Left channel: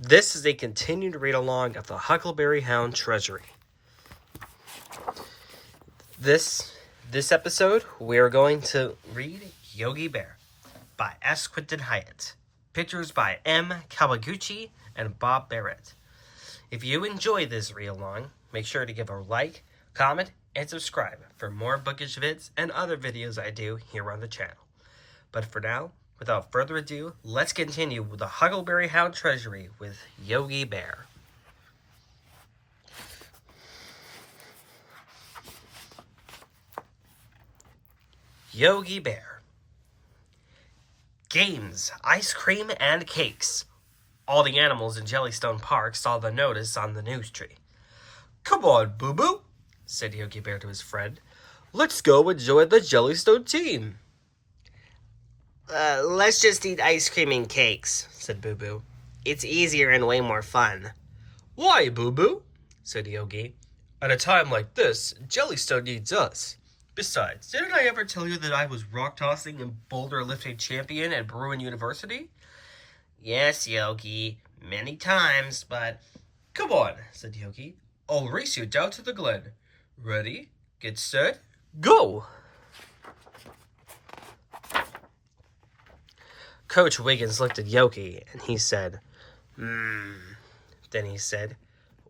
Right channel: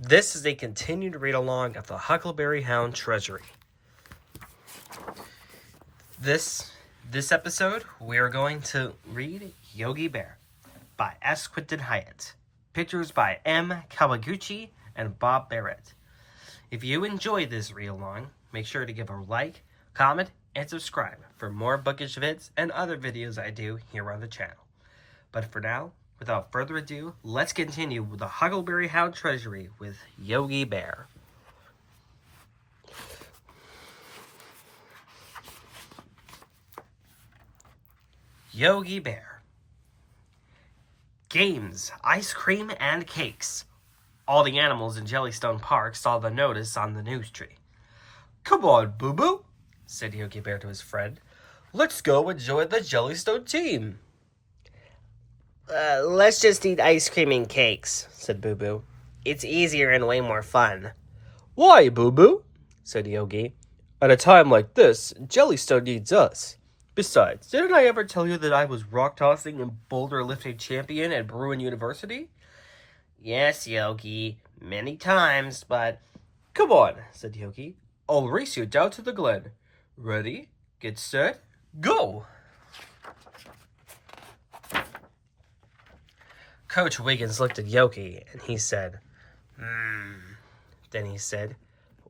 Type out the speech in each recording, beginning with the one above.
This is a continued read-along of the Huckleberry Hound Treasury. This episode, we are going to read Yogi Bear by S. Quinton Hyatt. Pictures by M. Kawaguchi and Bob Barrett. If you enjoy this read-along, make sure to give a like, comment, and subscribe for more bookish vids and other videos I do here on the channel. But for now, without further ado, let's continue with the Huckleberry Hound Treasury with Yogi Bear. Yogi Bear. Games, ice cream, and cakes. All the animals in Jellystone Park saw the notice on the news tree. "Come on, Boo-Boo," said Yogi Bear to his friend. "Let's go and join the Jellystone team." Let's just eat ice cream and cakes," said Boo-Boo. "It's easier and way more fun." "Why, Boo-Boo?" said Yogi. "At a time like this, Jellystone needs us. Besides, didn't I ever tell you that I was rock-tossing and boulder-lifting champion at Bruin University?" "Yes, Yogi, many times, but..." "Come on," said Yogi. "I'll race you down to the glen. Ready, get set, go!" Coach Wiggins looked at Yogi, and he said, Then he said,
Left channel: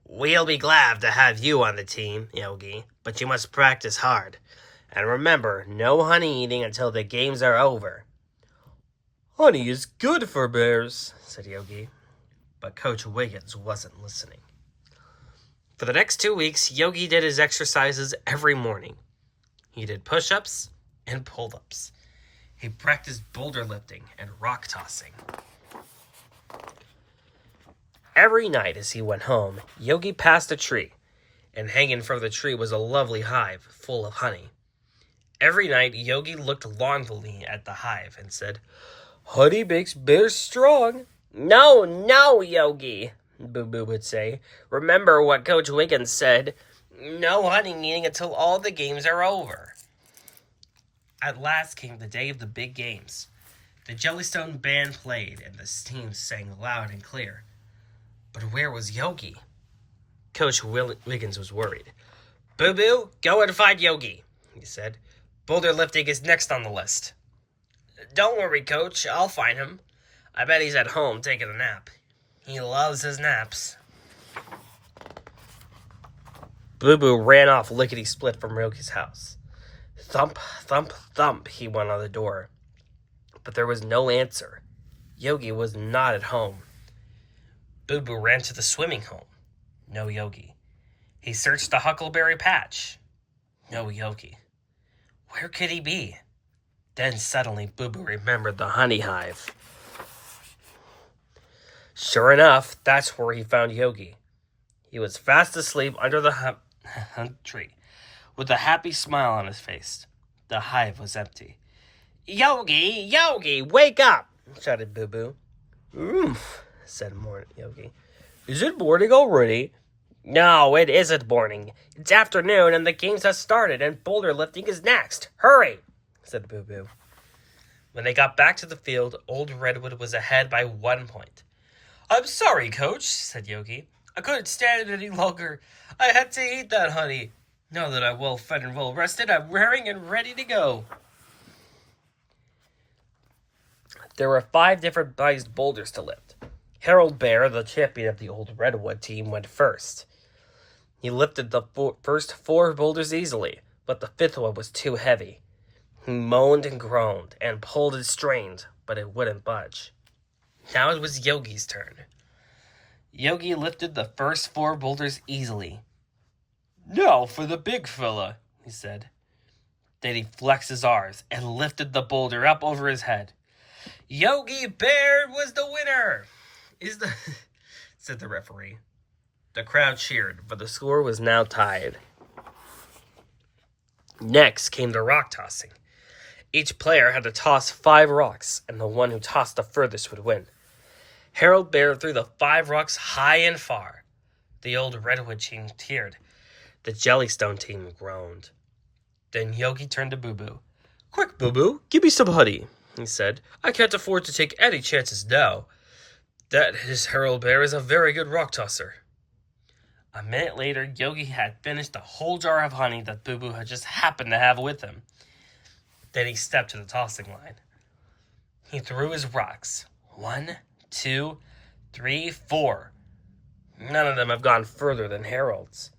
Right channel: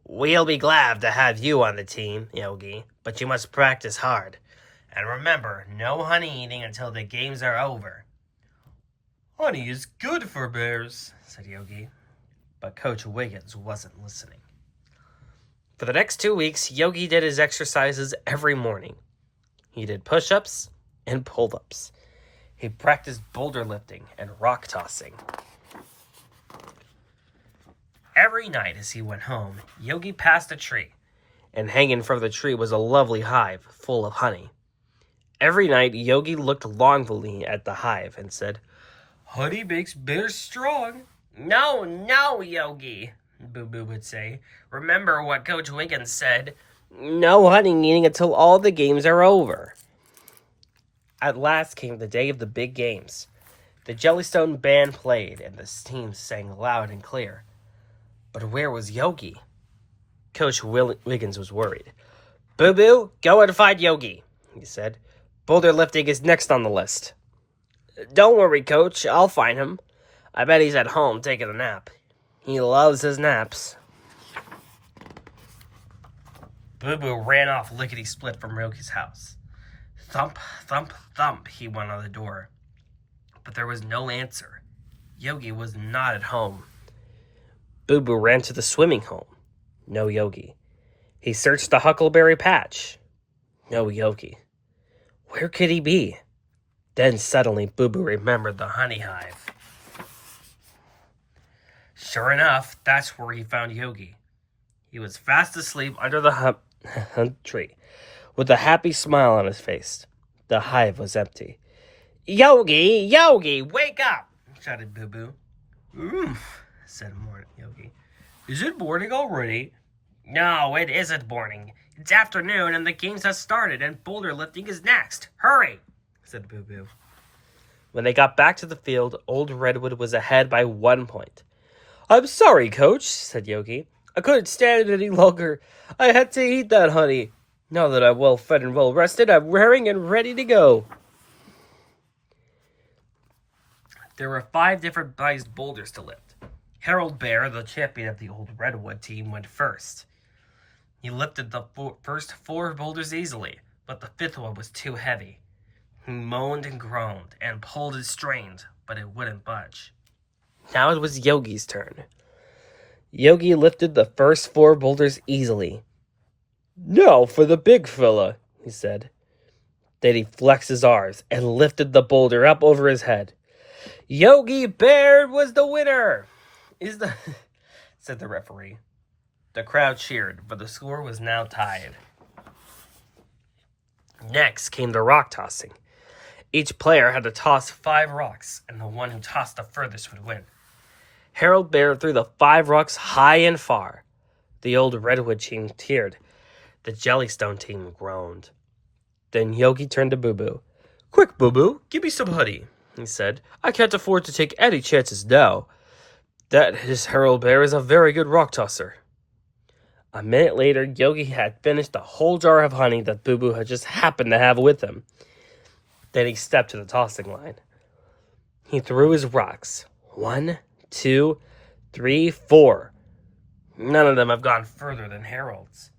"We'll be glad to have you on the team, Yogi, but you must practice hard. And remember, no honey eating until the games are over." "Honey is good for bears," said Yogi. But Coach Wiggins wasn't listening. For the next 2 weeks, Yogi did his exercises every morning. He did push-ups and pull-ups. He practiced boulder lifting and rock tossing. Every night as he went home, Yogi passed a tree, and hanging from the tree was a lovely hive full of honey. Every night, Yogi looked longingly at the hive and said, "Honey makes bears strong." No, Yogi," Boo-Boo would say. "Remember what Coach Wiggins said. No honey eating until all the games are over." At last came the day of the big games. The Jellystone band played, and the team sang loud and clear. But where was Yogi? Coach Wiggins was worried. "Boo-Boo, go and find Yogi," he said. "Boulder lifting is next on the list." "Don't worry, Coach. I'll find him. I bet he's at home taking a nap. He loves his naps." Boo-Boo ran off lickety-split from Yogi's house. Thump, thump, thump, he went on the door. But there was no answer. Yogi was not at home. Boo-Boo ran to the swimming hole. No Yogi. He searched the Huckleberry patch. No Yogi. Where could he be? Then suddenly Boo-Boo remembered the honey hive. Sure enough, that's where he found Yogi. He was fast asleep under the hunt tree, with a happy smile on his face. The hive was empty. Yogi, wake up!" shouted Boo-Boo. Said Yogi. "Is it morning already?" "No, it isn't morning. It's afternoon, and the games have started, and boulder lifting is next. Hurry!" said Boo-Boo. When they got back to the field, Old Redwood was ahead by 1 point. "I'm sorry, Coach," said Yogi. "I couldn't stand it any longer. I had to eat that honey. Now that I'm well fed and well rested, I'm raring and ready to go." There were 5 different sized boulders to lift. Harold Bear, the champion of the Old Redwood team, went first. He lifted the first 4 boulders easily, but the 5th one was too heavy. He moaned and groaned and pulled and strained, but it wouldn't budge. Now it was Yogi's turn. Yogi lifted the first 4 boulders easily. "Now for the big fella," he said. Then he flexed his arms and lifted the boulder up over his head. "Yogi Bear was the winner!" said the referee. The crowd cheered, but the score was now tied. Next came the rock tossing. Each player had to toss 5 rocks, and the one who tossed the furthest would win. Harold Bear threw the 5 rocks high and far. The Old Redwood team cheered. The Jellystone team groaned. Then Yogi turned to Boo-Boo. "Quick, Boo-Boo, give me some honey," he said. "I can't afford to take any chances now." That is Harold Bear is a very good rock tosser. A minute later, Yogi had finished the whole jar of honey that Boo Boo had just happened to have with him. Then he stepped to the tossing line. He threw his rocks. 1, 2, 3, 4. None of them have gone further than Harold's.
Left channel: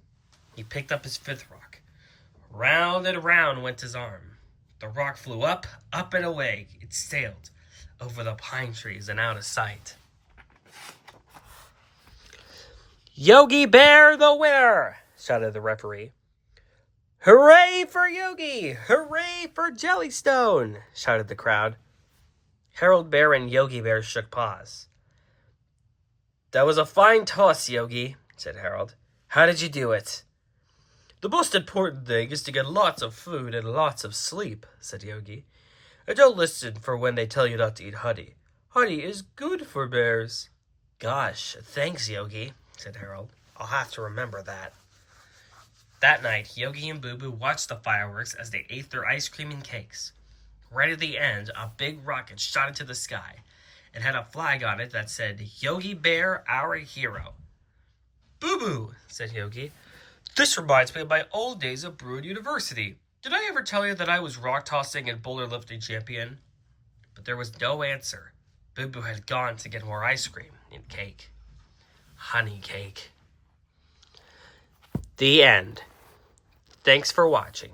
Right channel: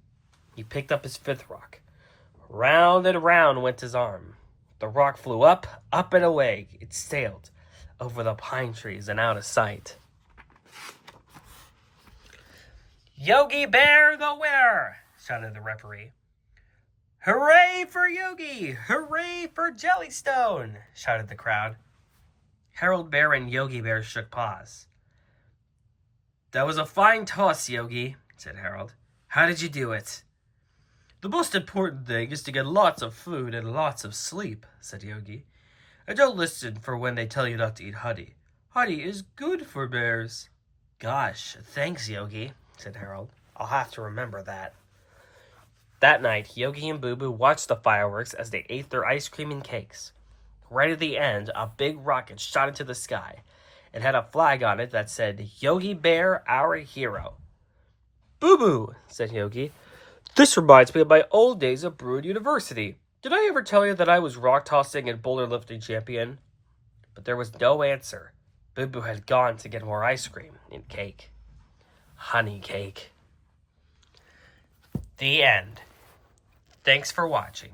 He picked up his fifth rock. Round and round went his arm. The rock flew up, up and away. It sailed over the pine trees and out of sight. Yogi Bear the winner! Shouted the referee. Hooray for Yogi! Hooray for Jellystone! Shouted the crowd. Harold Bear and Yogi Bear shook paws. That was a fine toss, Yogi, said Harold. How did you do it? The most important thing is to get lots of food and lots of sleep, said Yogi. And don't listen for when they tell you not to eat honey. Honey is good for bears. Gosh, thanks, Yogi, said Harold. I'll have to remember that. That night, Yogi and Boo Boo watched the fireworks as they ate their ice cream and cakes. Right at the end, a big rocket shot into the sky. It had a flag on it that said, Yogi Bear, our hero. Boo Boo, said Yogi. This reminds me of my old days at Bruin University. Did I ever tell you that I was rock tossing and boulder lifting champion? But there was no answer. Boo Boo had gone to get more ice cream and cake. Honey cake. The end. Thanks for watching.